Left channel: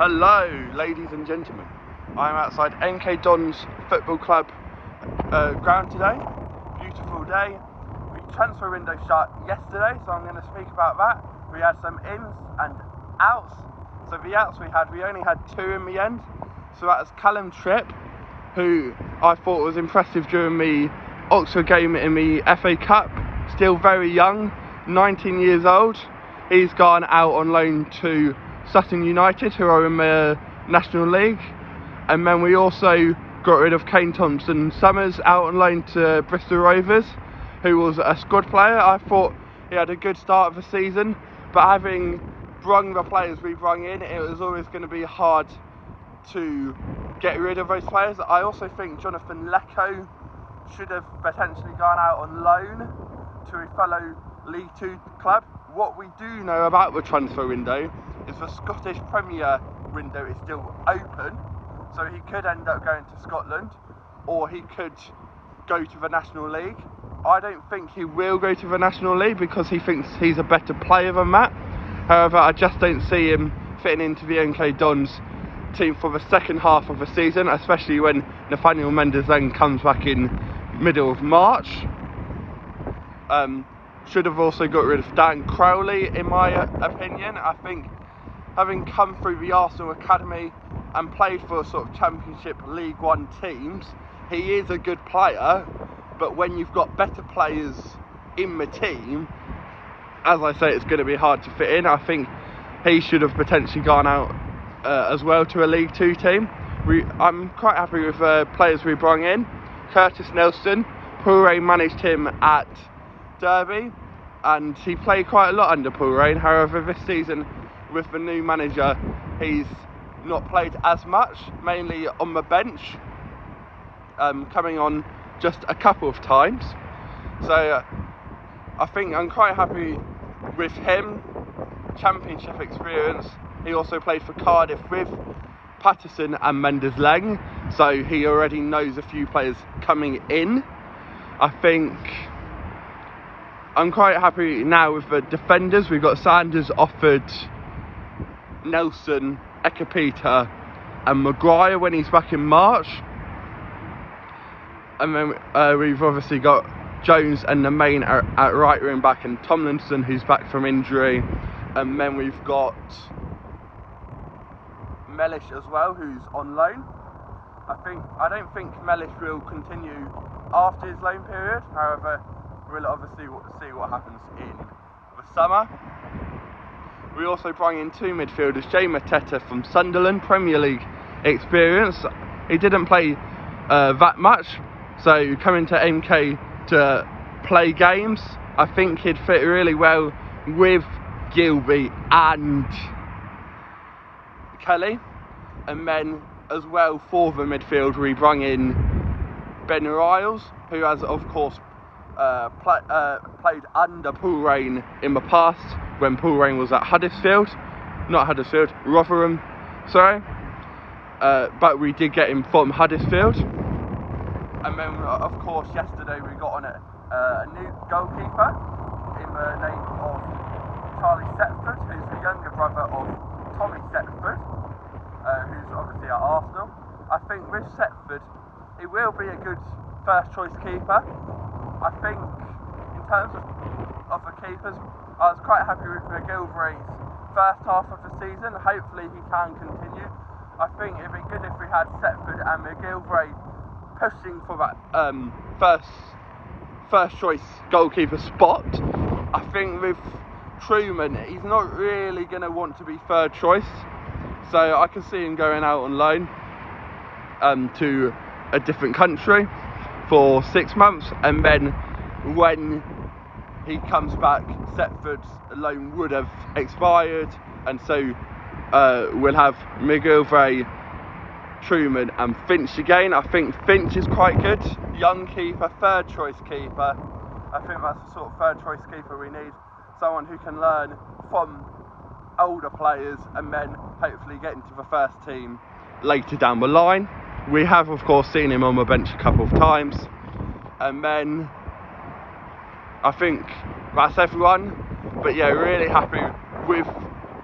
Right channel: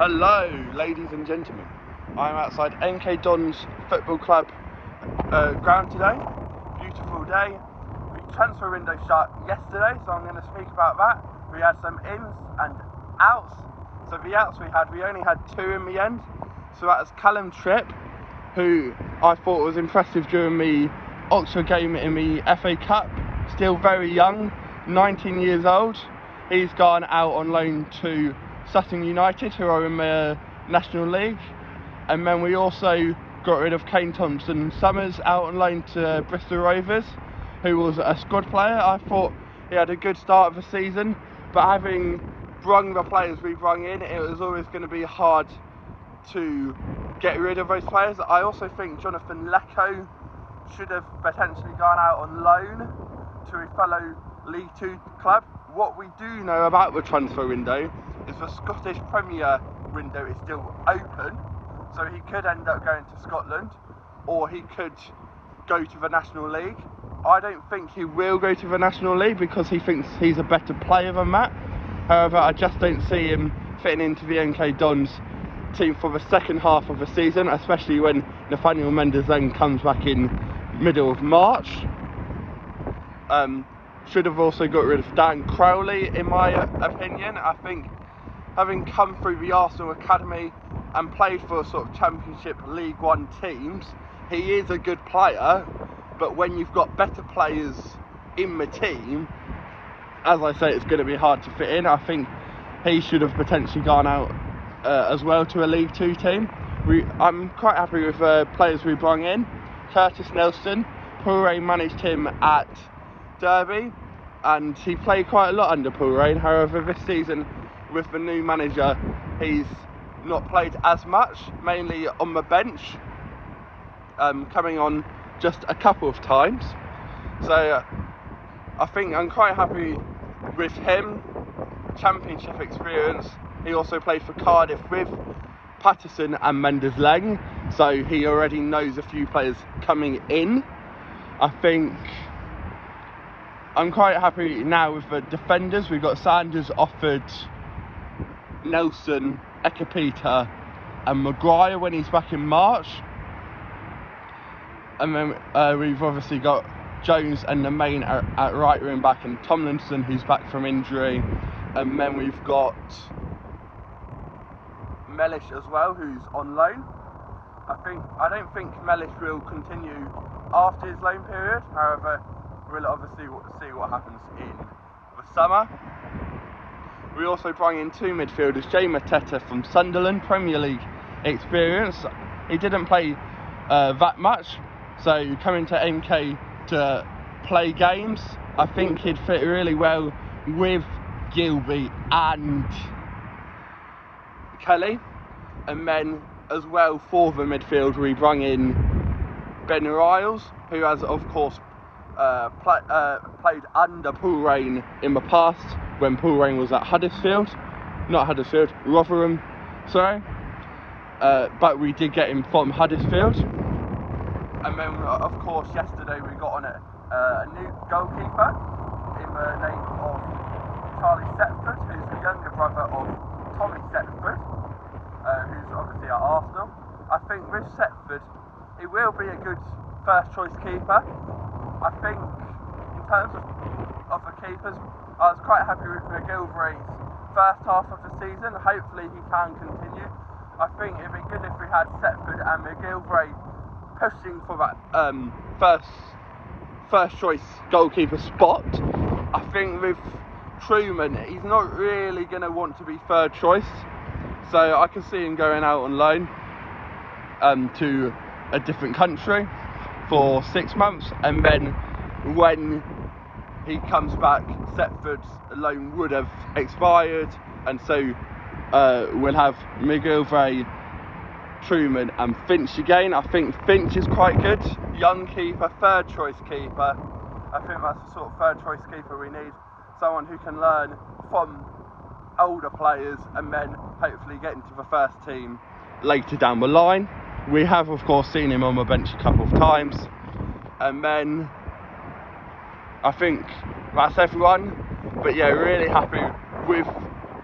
Hello, ladies and gentlemen. I'm outside MK Dons Football Club ground today. Beautiful day. The transfer window started yesterday, so I'm going to speak about that. We had some ins and outs. So the outs we only had two in the end. So that was Callum Tripp, who I thought was impressive during the Oxford game in the FA Cup. Still very young, 19 years old. He's gone out on loan to Sutton United, who are in the National League. And then we also got rid of Kane Thompson-Summers out on loan to Bristol Rovers, who was a squad player. I thought he had a good start of the season, but having brung the players we brung in, it was always going to be hard to get rid of those players. I also think Jonathan Lecco should have potentially gone out on loan to his fellow League Two club. What we do know about the transfer window is the Scottish Premier window is still open, so he could end up going to Scotland, or he could go to the National League. I don't think he will go to the National League because he thinks he's a better player than that. However, I just don't see him fitting into the MK Dons team for the second half of the season, especially when Nathaniel Mendes then comes back in middle of March. Should have also got rid of Dan Crowley, in my opinion. I think having come through the Arsenal Academy and played for sort of Championship League One teams, he is a good player, but when you've got better players in the team, as I say, it's going to be hard to fit in. I think he should have potentially gone out as well to a League Two team. I'm quite happy with players we brought in. Curtis Nelson, Paul Rain managed him at Derby, and he played quite a lot under Paul Rain. However, this season with the new manager, he's not played as much, mainly on the bench, coming on just a couple of times. So I think I'm quite happy with him. Championship experience. He also played for Cardiff with Patterson and Mendes-Lang, so he already knows a few players coming in. I think I'm quite happy now with the defenders. We've got Sanders offered Nelson, Ekapita and Maguire when he's back in March. And then we've obviously got Jones and the main at right wing back, and Tomlinson, who's back from injury. And then we've got Mellish as well, who's on loan. I don't think Mellish will continue after his loan period. However, we'll obviously see what happens in the summer. We also brought in two midfielders, Jay Mateta from Sunderland, Premier League experience. He didn't play that much, so coming to MK to play games, I think he'd fit really well with Gilby and Kelly. And then as well for the midfield, we brought in Ben Riles, who has of course played under Paul Rain in the past when Paul Rain was at Rotherham, sorry. But we did get him from Huddersfield. And then of course yesterday we got on a new goalkeeper in the name of Charlie Setford, who's the younger brother of Tommy Setford, who's obviously at Arsenal. I think with Setford, he will be a good first choice keeper. I think in terms of the keepers, I was quite happy with McGilvray's first half of the season. Hopefully he can continue. I think it'd be good if we had Setford and McGilvray pushing for that first choice goalkeeper spot. I think with Truman, he's not really going to want to be third choice, so I can see him going out on loan to a different country for 6 months, and then when he comes back, Setford's loan would have expired, and so we'll have McGilvray, Truman and Finch again. I think Finch is quite good, young keeper, third choice keeper. I think that's the sort of third choice keeper we need, someone who can learn from older players and then hopefully get into the first team later down the line. We have of course seen him on the bench a couple of times. And then I think that's everyone, but yeah, really happy with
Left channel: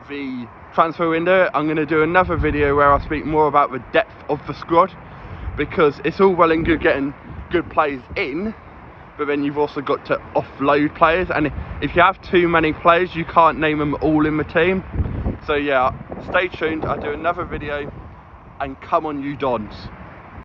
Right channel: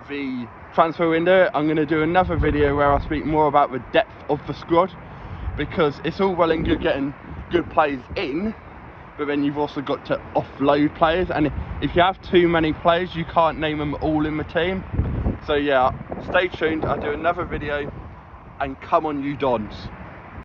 the transfer window, I'm going to do another video where I speak more about the depth of the squad, because it's all well and good getting good players in, but then you've also got to offload players, and if you have too many players you can't name them all in the team. So yeah, stay tuned, I'll do another video, and come on you Dons.